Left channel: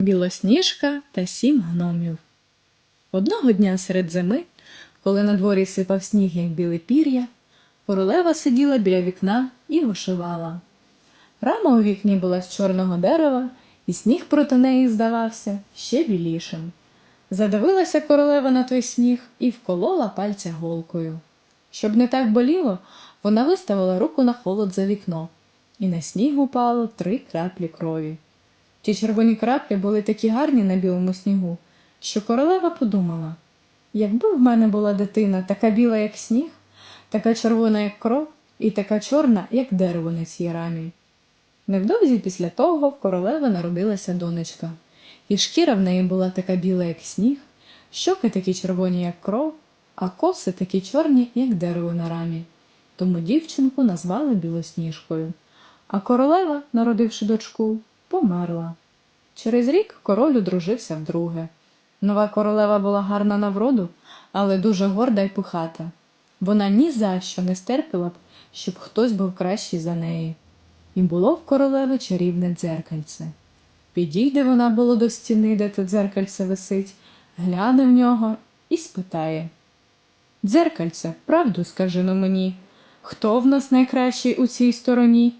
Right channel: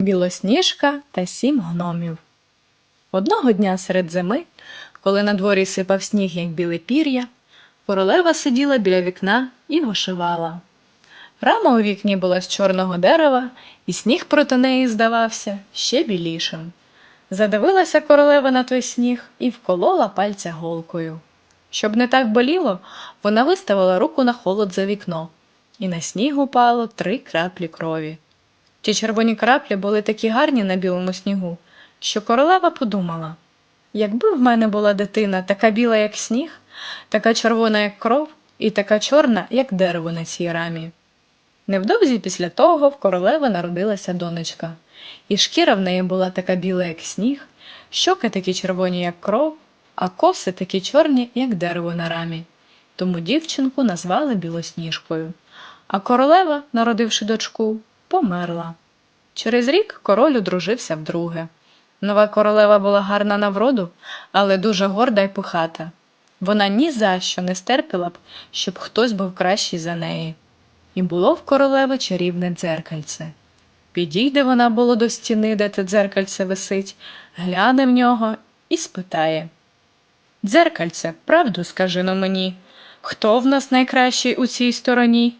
Білосніжка та сім гномів. Одного дня серед зими, коли на дворі сипав сніг, як біле пір'я, королева сиділа біля вікна і вишивала. Рама у вікні була з чорного дерева, і сніг проти неї здавався ще білішим. Задивилася королева на той сніг і вколола пальця голкою. Щоб не так боліло, вона виставила руку на холод за вікно, і на сніг упало три краплі крові. Ті червоні краплі були такі гарні на білому снігу, що королева подумала: якби в мене була дитина така біла, як сніг, така червона, як кров, і така чорна, як дерево на цій рамі. Невдовзі після того в королеви народилася донечка, і шкіра в неї була така біла, як сніг, щоки такі червоні, як кров, а коси такі чорні, як дерево на рамі. Тому дівчинку назвали білосніжкою. А королева, народивши дочку, померла. Через рік король одружився вдруге. Нова королева була гарна на вроду, але дуже горда й пихата. Вона ні за що не стерпіла б, щоб хтось був кращий за неї. І було в королеви чарівне дзеркальце. Підійде вона було до стіни, де те дзеркальце висить, гляне в нього і спитає Дзеркальце, правду скажи но мені, хто в нас найкращий у цій стороні?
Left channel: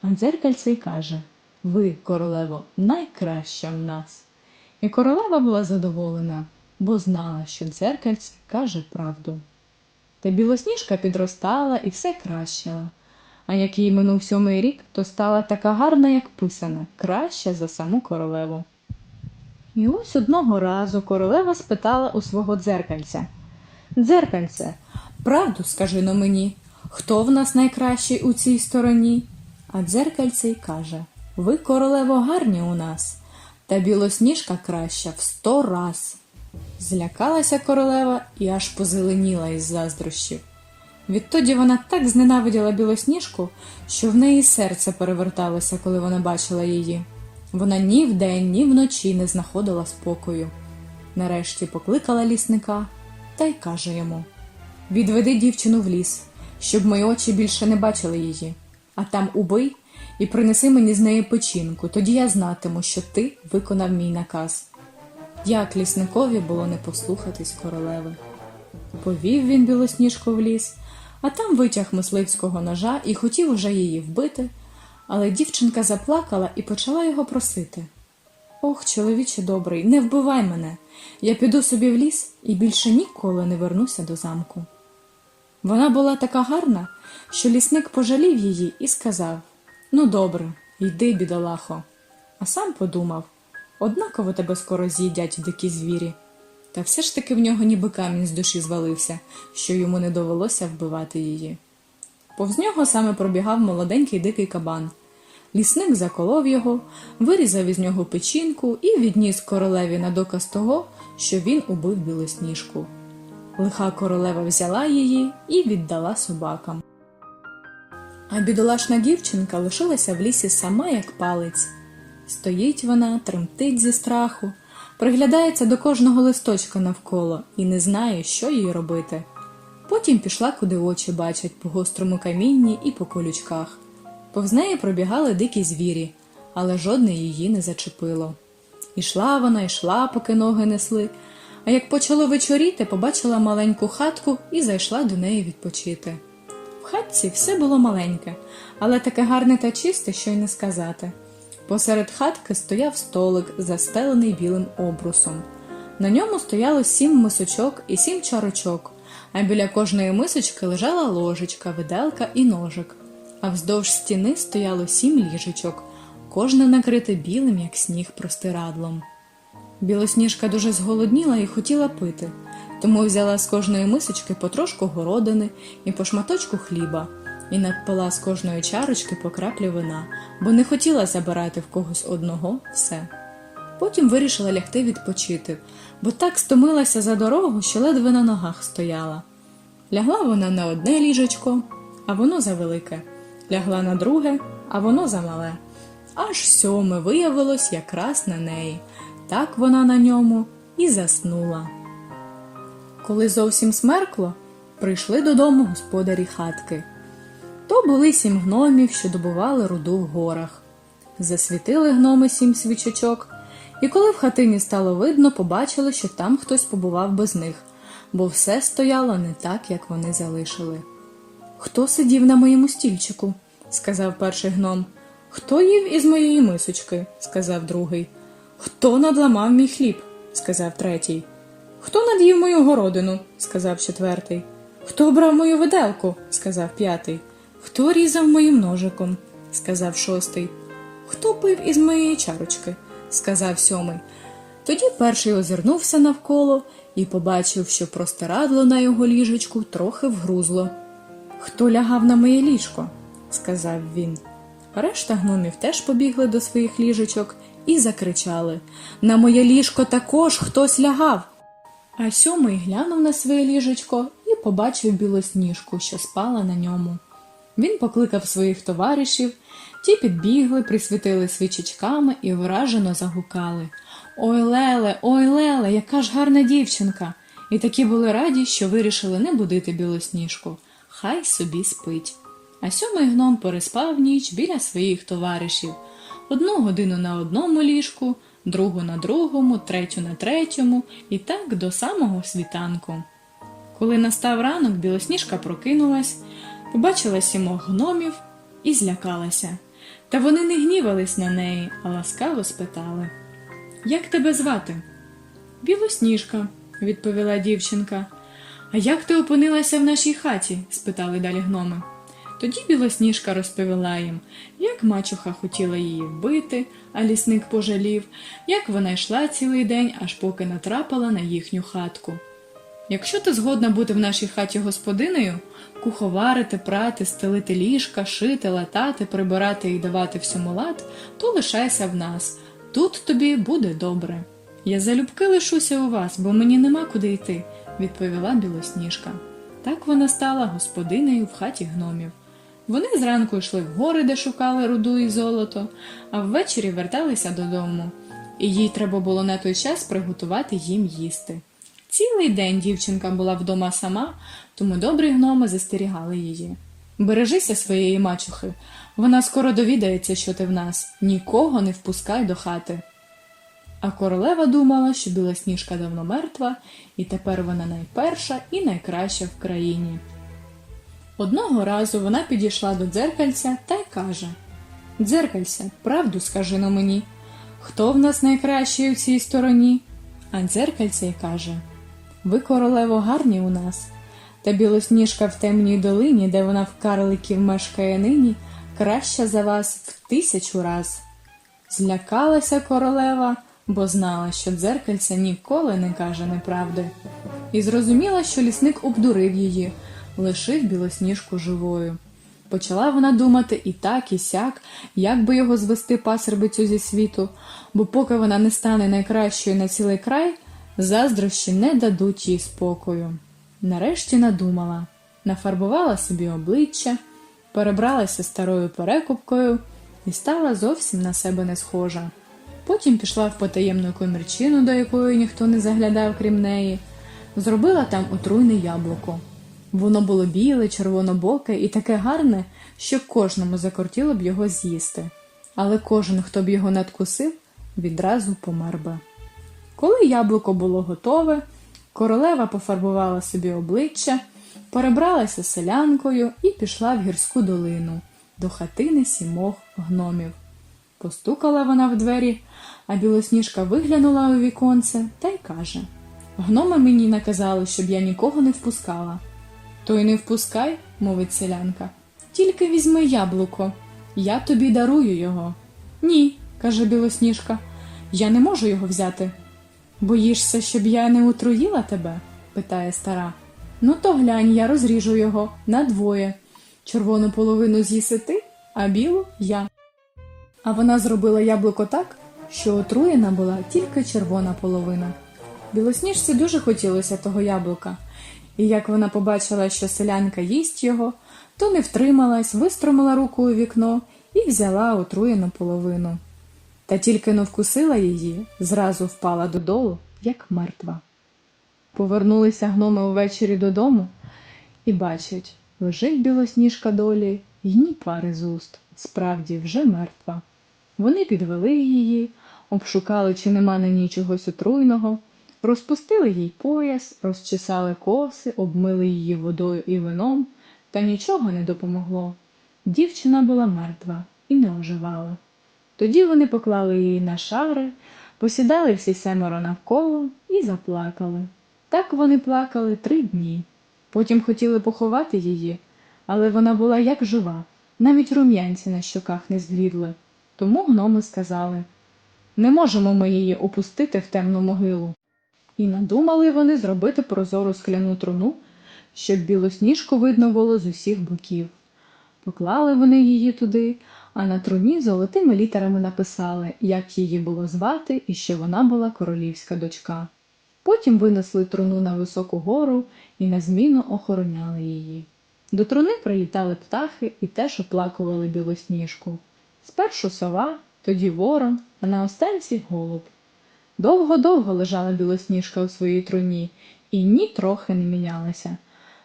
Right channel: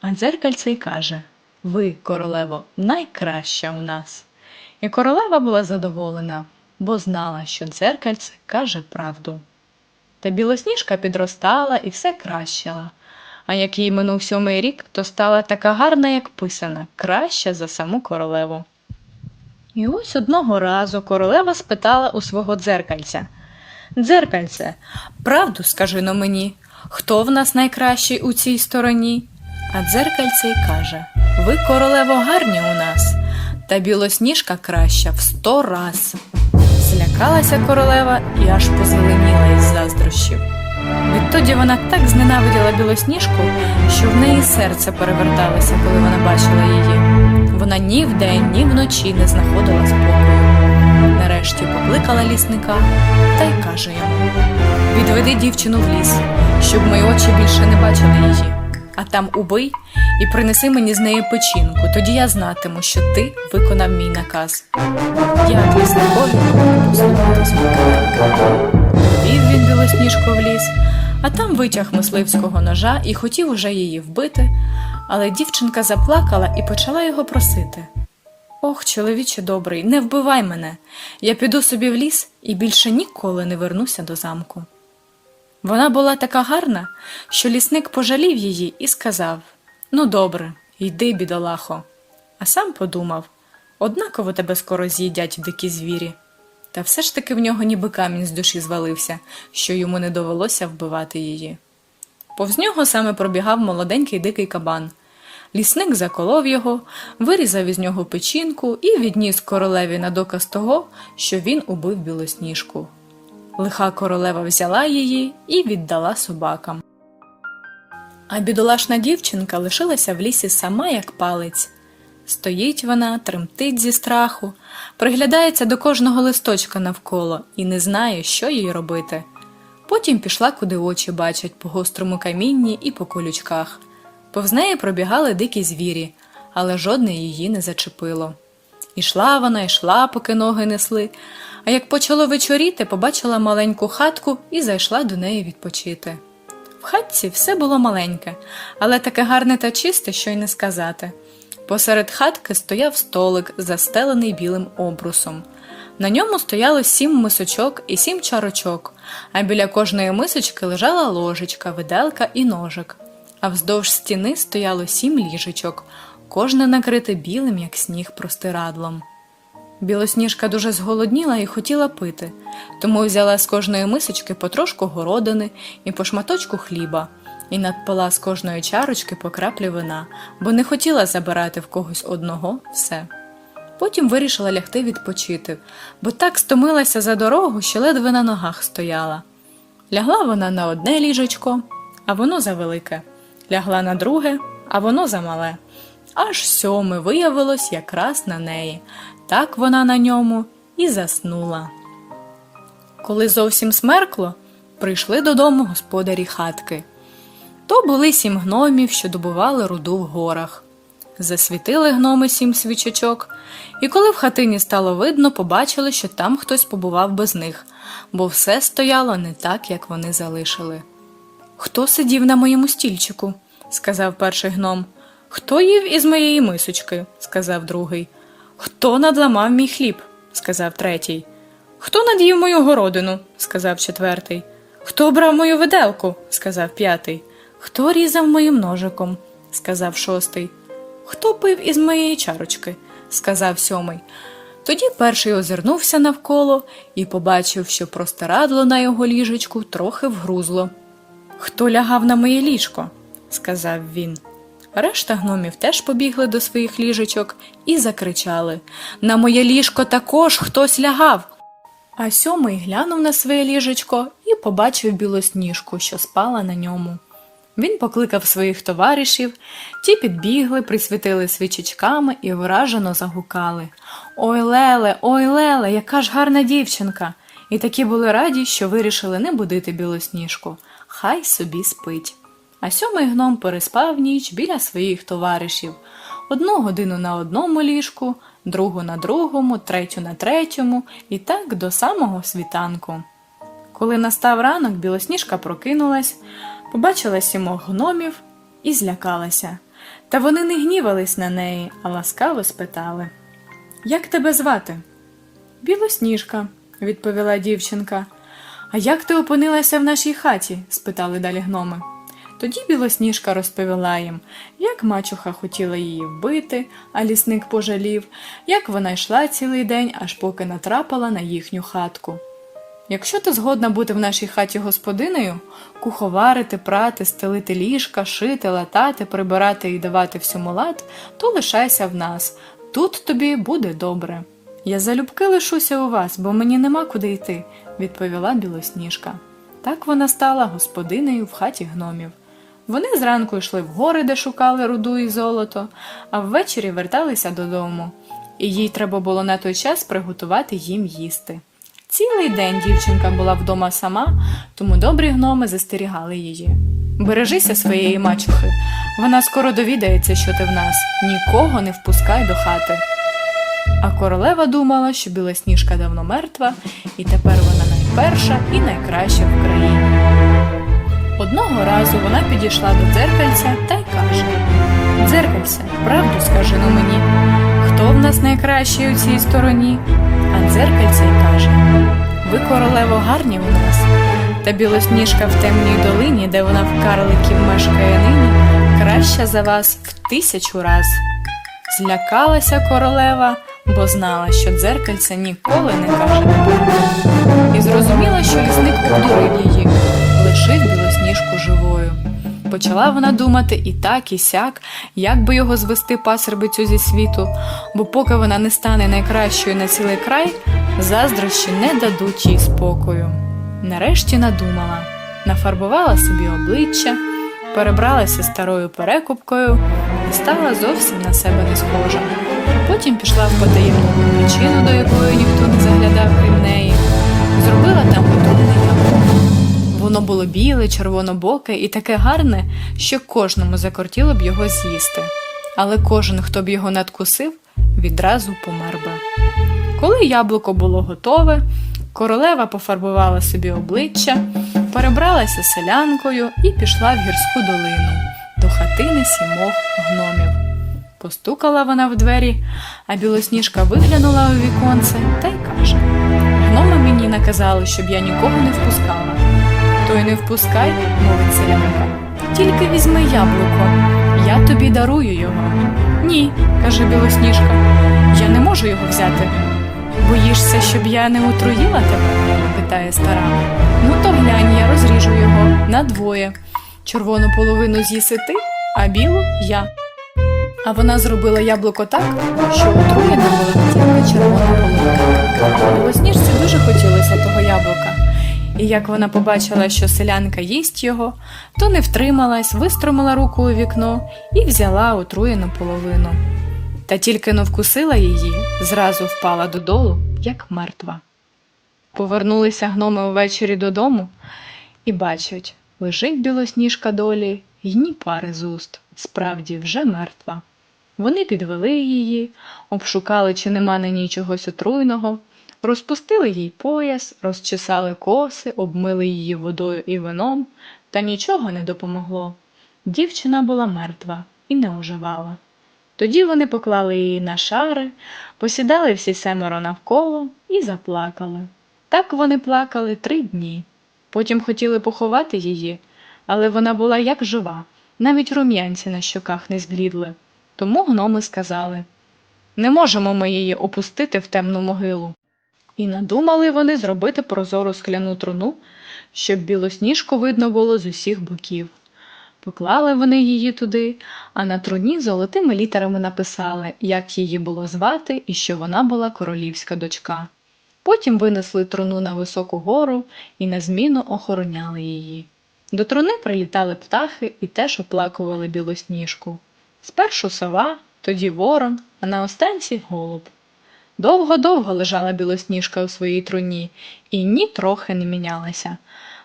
А дзеркальце й каже Ви, королево, найкраща у нас. І королева була задоволена, бо знала, що дзеркальце каже правду. Та білосніжка підростала і все кращала. А як їй минув сьомий рік, то стала така гарна, як писана, краща за саму королеву. І ось одного разу королева спитала у свого дзеркальця Дзеркальце, правду скажи но мені, хто в нас найкращий у цій стороні? А дзеркальце й каже Ви, королево, гарні у нас, та білосніжка краща в сто раз. Злякалася королева і аж позеленіла із заздрощів. Відтоді вона так зненавиділа білосніжку, що в неї серце переверталося, коли вона бачила її. Вона ні вдень, ні вночі не знаходила спокою. Нарешті покликала лісника та й каже йому: Відведи дівчину в ліс, щоб мої очі більше не бачили її. А там убий і принеси мені з неї печінку, тоді я знатиму, що ти виконав мій наказ. Я лісникові не послухати звука. Повів він білосніжку в ліс, а там витяг мисливського ножа і хотів уже її вбити, але дівчинка заплакала і почала його просити. Ох, чоловіче добрий, не вбивай мене. Я піду собі в ліс і більше ніколи не вернуся до замку. Вона була така гарна, що лісник пожалів її і сказав Ну, добре, йди, бідолахо. А сам подумав однаково тебе скоро з'їдять дикі звірі. Та все ж таки в нього ніби камінь з душі звалився, що йому не довелося вбивати її. Повз нього саме пробігав молоденький дикий кабан. Лісник заколов його, вирізав із нього печінку і відніс королеві на доказ того, що він убив білосніжку. Лиха королева взяла її і віддала собакам. А бідолашна дівчинка лишилася в лісі сама, як палець. Стоїть вона, тремтить зі страху, приглядається до кожного листочка навколо і не знає, що їй робити. Потім пішла, куди очі бачать, по гострому камінні і по колючках. Повз неї пробігали дикі звірі, але жодне її не зачепило. Ішла вона, йшла, поки ноги несли, а як почало вечоріти, побачила маленьку хатку і зайшла до неї відпочити. В хатці все було маленьке, але таке гарне та чисте, що й не сказати. Посеред хатки стояв столик, застелений білим обрусом. На ньому стояло сім мисочок і сім чарочок, а біля кожної мисочки лежала ложечка, виделка і ножик. А вздовж стіни стояло сім ліжечок, кожне накрите білим, як сніг, простирадлом. Білосніжка дуже зголодніла і хотіла пити, тому взяла з кожної мисочки потрошку городини і по шматочку хліба, і надпила з кожної чарочки по краплі вина, бо не хотіла забирати в когось одного все. Потім вирішила лягти відпочити, бо так стомилася за дорогу, що ледве на ногах стояла. Лягла вона на одне ліжечко, а воно завелике, лягла на друге, а воно замале. Аж сьоме виявилось якраз на неї. Так вона на ньому і заснула. Коли зовсім смеркло, прийшли додому господарі хатки. То були сім гномів, що добували руду в горах. Засвітили гноми сім свічечок, і коли в хатині стало видно, побачили, що там хтось побував без них, бо все стояло не так, як вони залишили. Хто сидів на моєму стільчику? сказав перший гном. Хто їв із моєї мисочки? сказав другий. Хто надламав мій хліб? сказав третій. Хто над'їв мою городину? сказав четвертий. Хто брав мою виделку? сказав п'ятий. Хто різав моїм ножиком? сказав шостий. Хто пив із моєї чарочки? сказав сьомий. Тоді перший озирнувся навколо і побачив, що простирадло на його ліжечку трохи вгрузло. Хто лягав на моє ліжко? сказав він. Решта гномів теж побігли до своїх ліжечок і закричали На моє ліжко також хтось лягав. А сьомий глянув на своє ліжечко і побачив білосніжку, що спала на ньому. Він покликав своїх товаришів, ті підбігли, присвітили свічечками і вражено загукали. Ой, Леле, ой, Леле, яка ж гарна дівчинка! І такі були раді, що вирішили не будити білосніжку. Хай собі спить. А сьомий гном переспав ніч біля своїх товаришів. Одну годину на одному ліжку, другу на другому, третю на третьому, і так до самого світанку. Коли настав ранок, білосніжка прокинулась, побачила сімох гномів і злякалася. Та вони не гнівались на неї, а ласкаво спитали Як тебе звати? Білосніжка, відповіла дівчинка. А як ти опинилася в нашій хаті? спитали далі гноми. Тоді білосніжка розповіла їм, як мачуха хотіла її вбити, а лісник пожалів, як вона йшла цілий день, аж поки натрапила на їхню хатку. Якщо ти згодна бути в нашій хаті господиною, куховарити, прати, стелити ліжка, шити, латати, прибирати і давати всьому лад, то лишайся в нас. Тут тобі буде добре. Я залюбки лишуся у вас, бо мені нема куди йти, відповіла білосніжка. Так вона стала господинею в хаті гномів. Вони зранку йшли в гори, де шукали руду і золото, а ввечері верталися додому, і їй треба було на той час приготувати їм їсти. Цілий день дівчинка була вдома сама, тому добрі гноми застерігали її. Бережися своєї мачухи, вона скоро довідається, що ти в нас, нікого не впускай до хати. А королева думала, що білосніжка давно мертва, і тепер вона найперша і найкраща в країні. Одного разу вона підійшла до дзеркальця та й каже: Дзеркальце, правду скажи ну мені, хто в нас найкращий у цій стороні? А дзеркальце й каже: Ви, королево, гарні у нас. Та білосніжка в темній долині, де вона в карликів мешкає нині, краща за вас в тисячу раз. Злякалася королева, бо знала, що дзеркальце ніколи не каже неправду. І зрозуміла, що лісник обдурив її, лишив білосніжку живою. Почала вона думати і так, і сяк, як би його звести пасербицю зі світу, бо поки вона не стане найкращою на цілий край, заздрощі не дадуть їй спокою. Нарешті надумала, нафарбувала собі обличчя, перебралася старою перекупкою і стала зовсім на себе не схожа. Потім пішла в потаємну причину, до якої ніхто не заглядав крім неї, зробила. Воно було біле, червонобоке і таке гарне, що кожному закортіло б його з'їсти. Але кожен, хто б його надкусив, відразу помер би. Коли яблуко було готове, королева пофарбувала собі обличчя, перебралася селянкою і пішла в гірську долину до хатини сімох гномів. Постукала вона в двері, а білосніжка виглянула у віконце та й каже: Гноми мені наказали, щоб я нікого не впускала. То й не впускай, мовить селянка. Тільки візьми яблуко, я тобі дарую його. Ні, каже білосніжка, я не можу його взяти. Боїшся, щоб я не отруїла тебе? питає стара. Ну то глянь, я розріжу його на двоє. Червону половину з'їси ти, а білу я. А вона зробила яблуко так, що отруєна була тільки червона половина. Білосніжці дуже хотілося того яблука. І як вона побачила, що селянка їсть його, то не втрималась, вистромила руку у вікно і взяла отруєну половину. Та тільки но вкусила її, зразу впала додолу, як мертва. Повернулися гноми ввечері додому і бачать, лежить білосніжка долі й ні пари з уст, справді вже мертва. Вони підвели її, обшукали, чи нема на ній чогось отруйного, розпустили їй пояс, розчесали коси, обмили її водою і вином, та нічого не допомогло. Дівчина була мертва і не оживала. Тоді вони поклали її на шари, посідали всі семеро навколо і заплакали. Так вони плакали три дні. Потім хотіли поховати її, але вона була як жива, навіть рум'янці на щоках не зблідли. Тому гноми сказали не можемо ми її опустити в темну могилу. І надумали вони зробити прозору скляну труну, щоб білосніжку видно було з усіх боків. Поклали вони її туди, а на труні золотими літерами написали, як її було звати і що вона була королівська дочка. Потім винесли труну на високу гору і на зміну охороняли її. До труни прилітали птахи і теж оплакували білосніжку. Спершу сова, тоді ворон, а на останці голуб. Довго-довго лежала білосніжка у своїй труні і ні трохи не мінялася.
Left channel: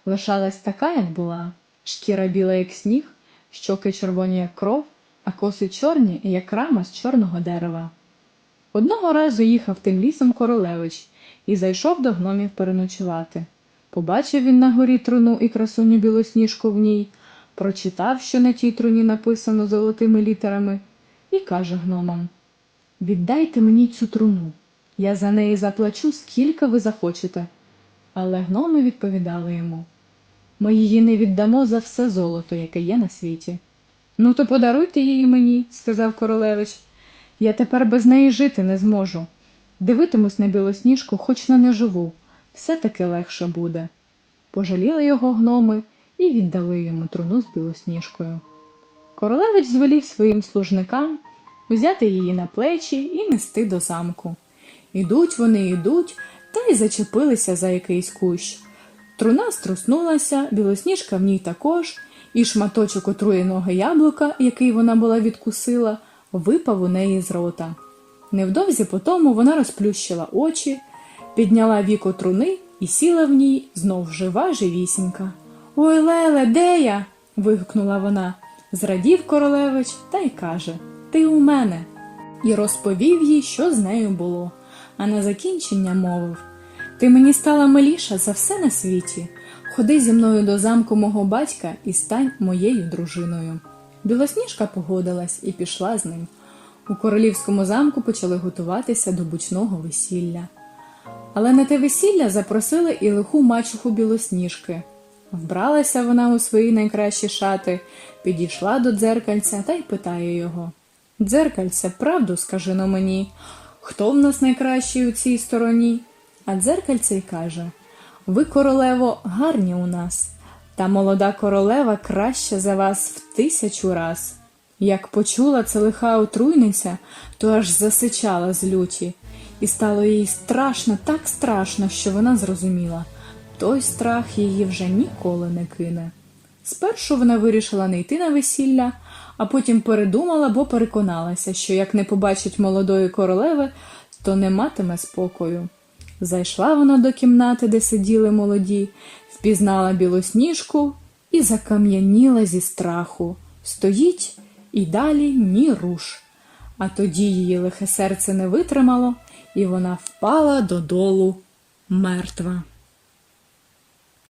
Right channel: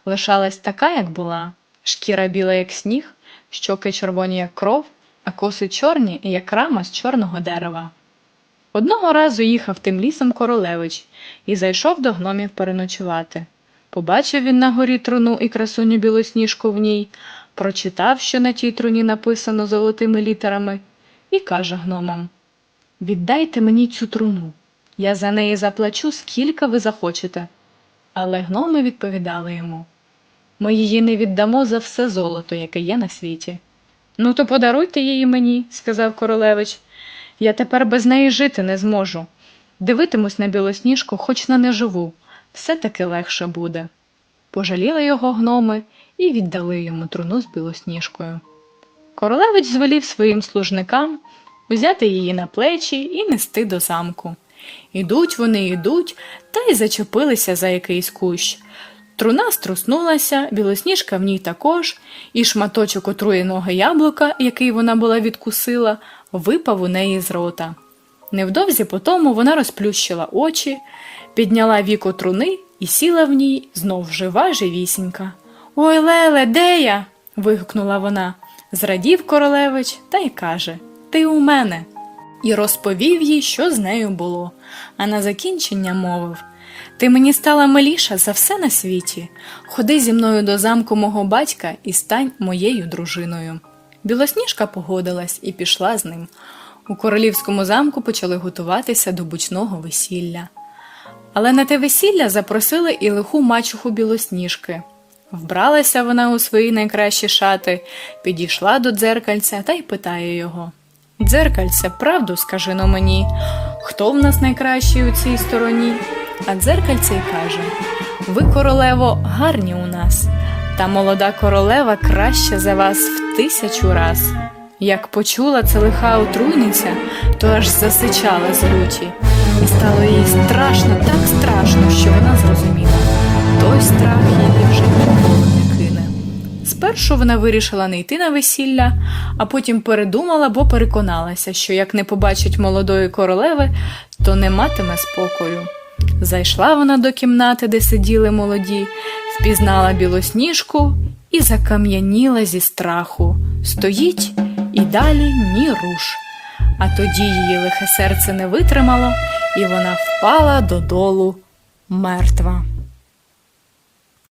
Лишалась така, як була, шкіра біла, як сніг, щоки червоні, як кров, а коси чорні, як рама з чорного дерева. Одного разу їхав тим лісом королевич і зайшов до гномів переночувати. Побачив він на горі труну і красуню білосніжку в ній, прочитав, що на тій труні написано золотими літерами, і каже гномам Віддайте мені цю труну. Я за неї заплачу, скільки ви захочете. Але гноми відповідали йому Ми її не віддамо за все золото, яке є на світі. Ну, то подаруйте її мені, сказав королевич. Я тепер без неї жити не зможу. Дивитимусь на білосніжку, хоч на неживу, все таки легше буде. Пожаліли його гноми і віддали йому труну з білосніжкою. Королевич звелів своїм служникам взяти її на плечі і нести до замку. Ідуть вони, ідуть, та й зачепилися за якийсь кущ. Труна струснулася, білосніжка в ній також, і шматочок отруєного яблука, який вона була відкусила, випав у неї з рота. Невдовзі потому вона розплющила очі, підняла віко труни і сіла в ній знов жива живісінька. Ой, Леле, де я? вигукнула вона. Зрадів королевич та й каже Ти у мене. І розповів їй, що з нею було, а на закінчення мовив Ти мені стала миліша за все на світі. Ходи зі мною до замку мого батька і стань моєю дружиною. Білосніжка погодилась і пішла з ним. У королівському замку почали готуватися до бучного весілля. Але на те весілля запросили і лиху мачуху білосніжки. Вбралася вона у свої найкращі шати, підійшла до дзеркальця та й питає його: Дзеркальце, правду скажи но мені, хто в нас найкращий у цій стороні? А дзеркальце й каже: Ви, королево, гарні у нас, та молода королева краща за вас в тисячу раз. Як почула це лиха отруйниця, то аж засичала з люті, і стало їй страшно, так страшно, що вона зрозуміла. Той страх її вже ніколи. Спершу вона вирішила не йти на весілля, а потім передумала, бо переконалася, що як не побачить молодої королеви, то не матиме спокою. Зайшла вона до кімнати, де сиділи молоді, впізнала білосніжку і закам'яніла зі страху. Стоїть і далі ні руш. А тоді її лихе серце не витримало, і вона впала додолу мертва.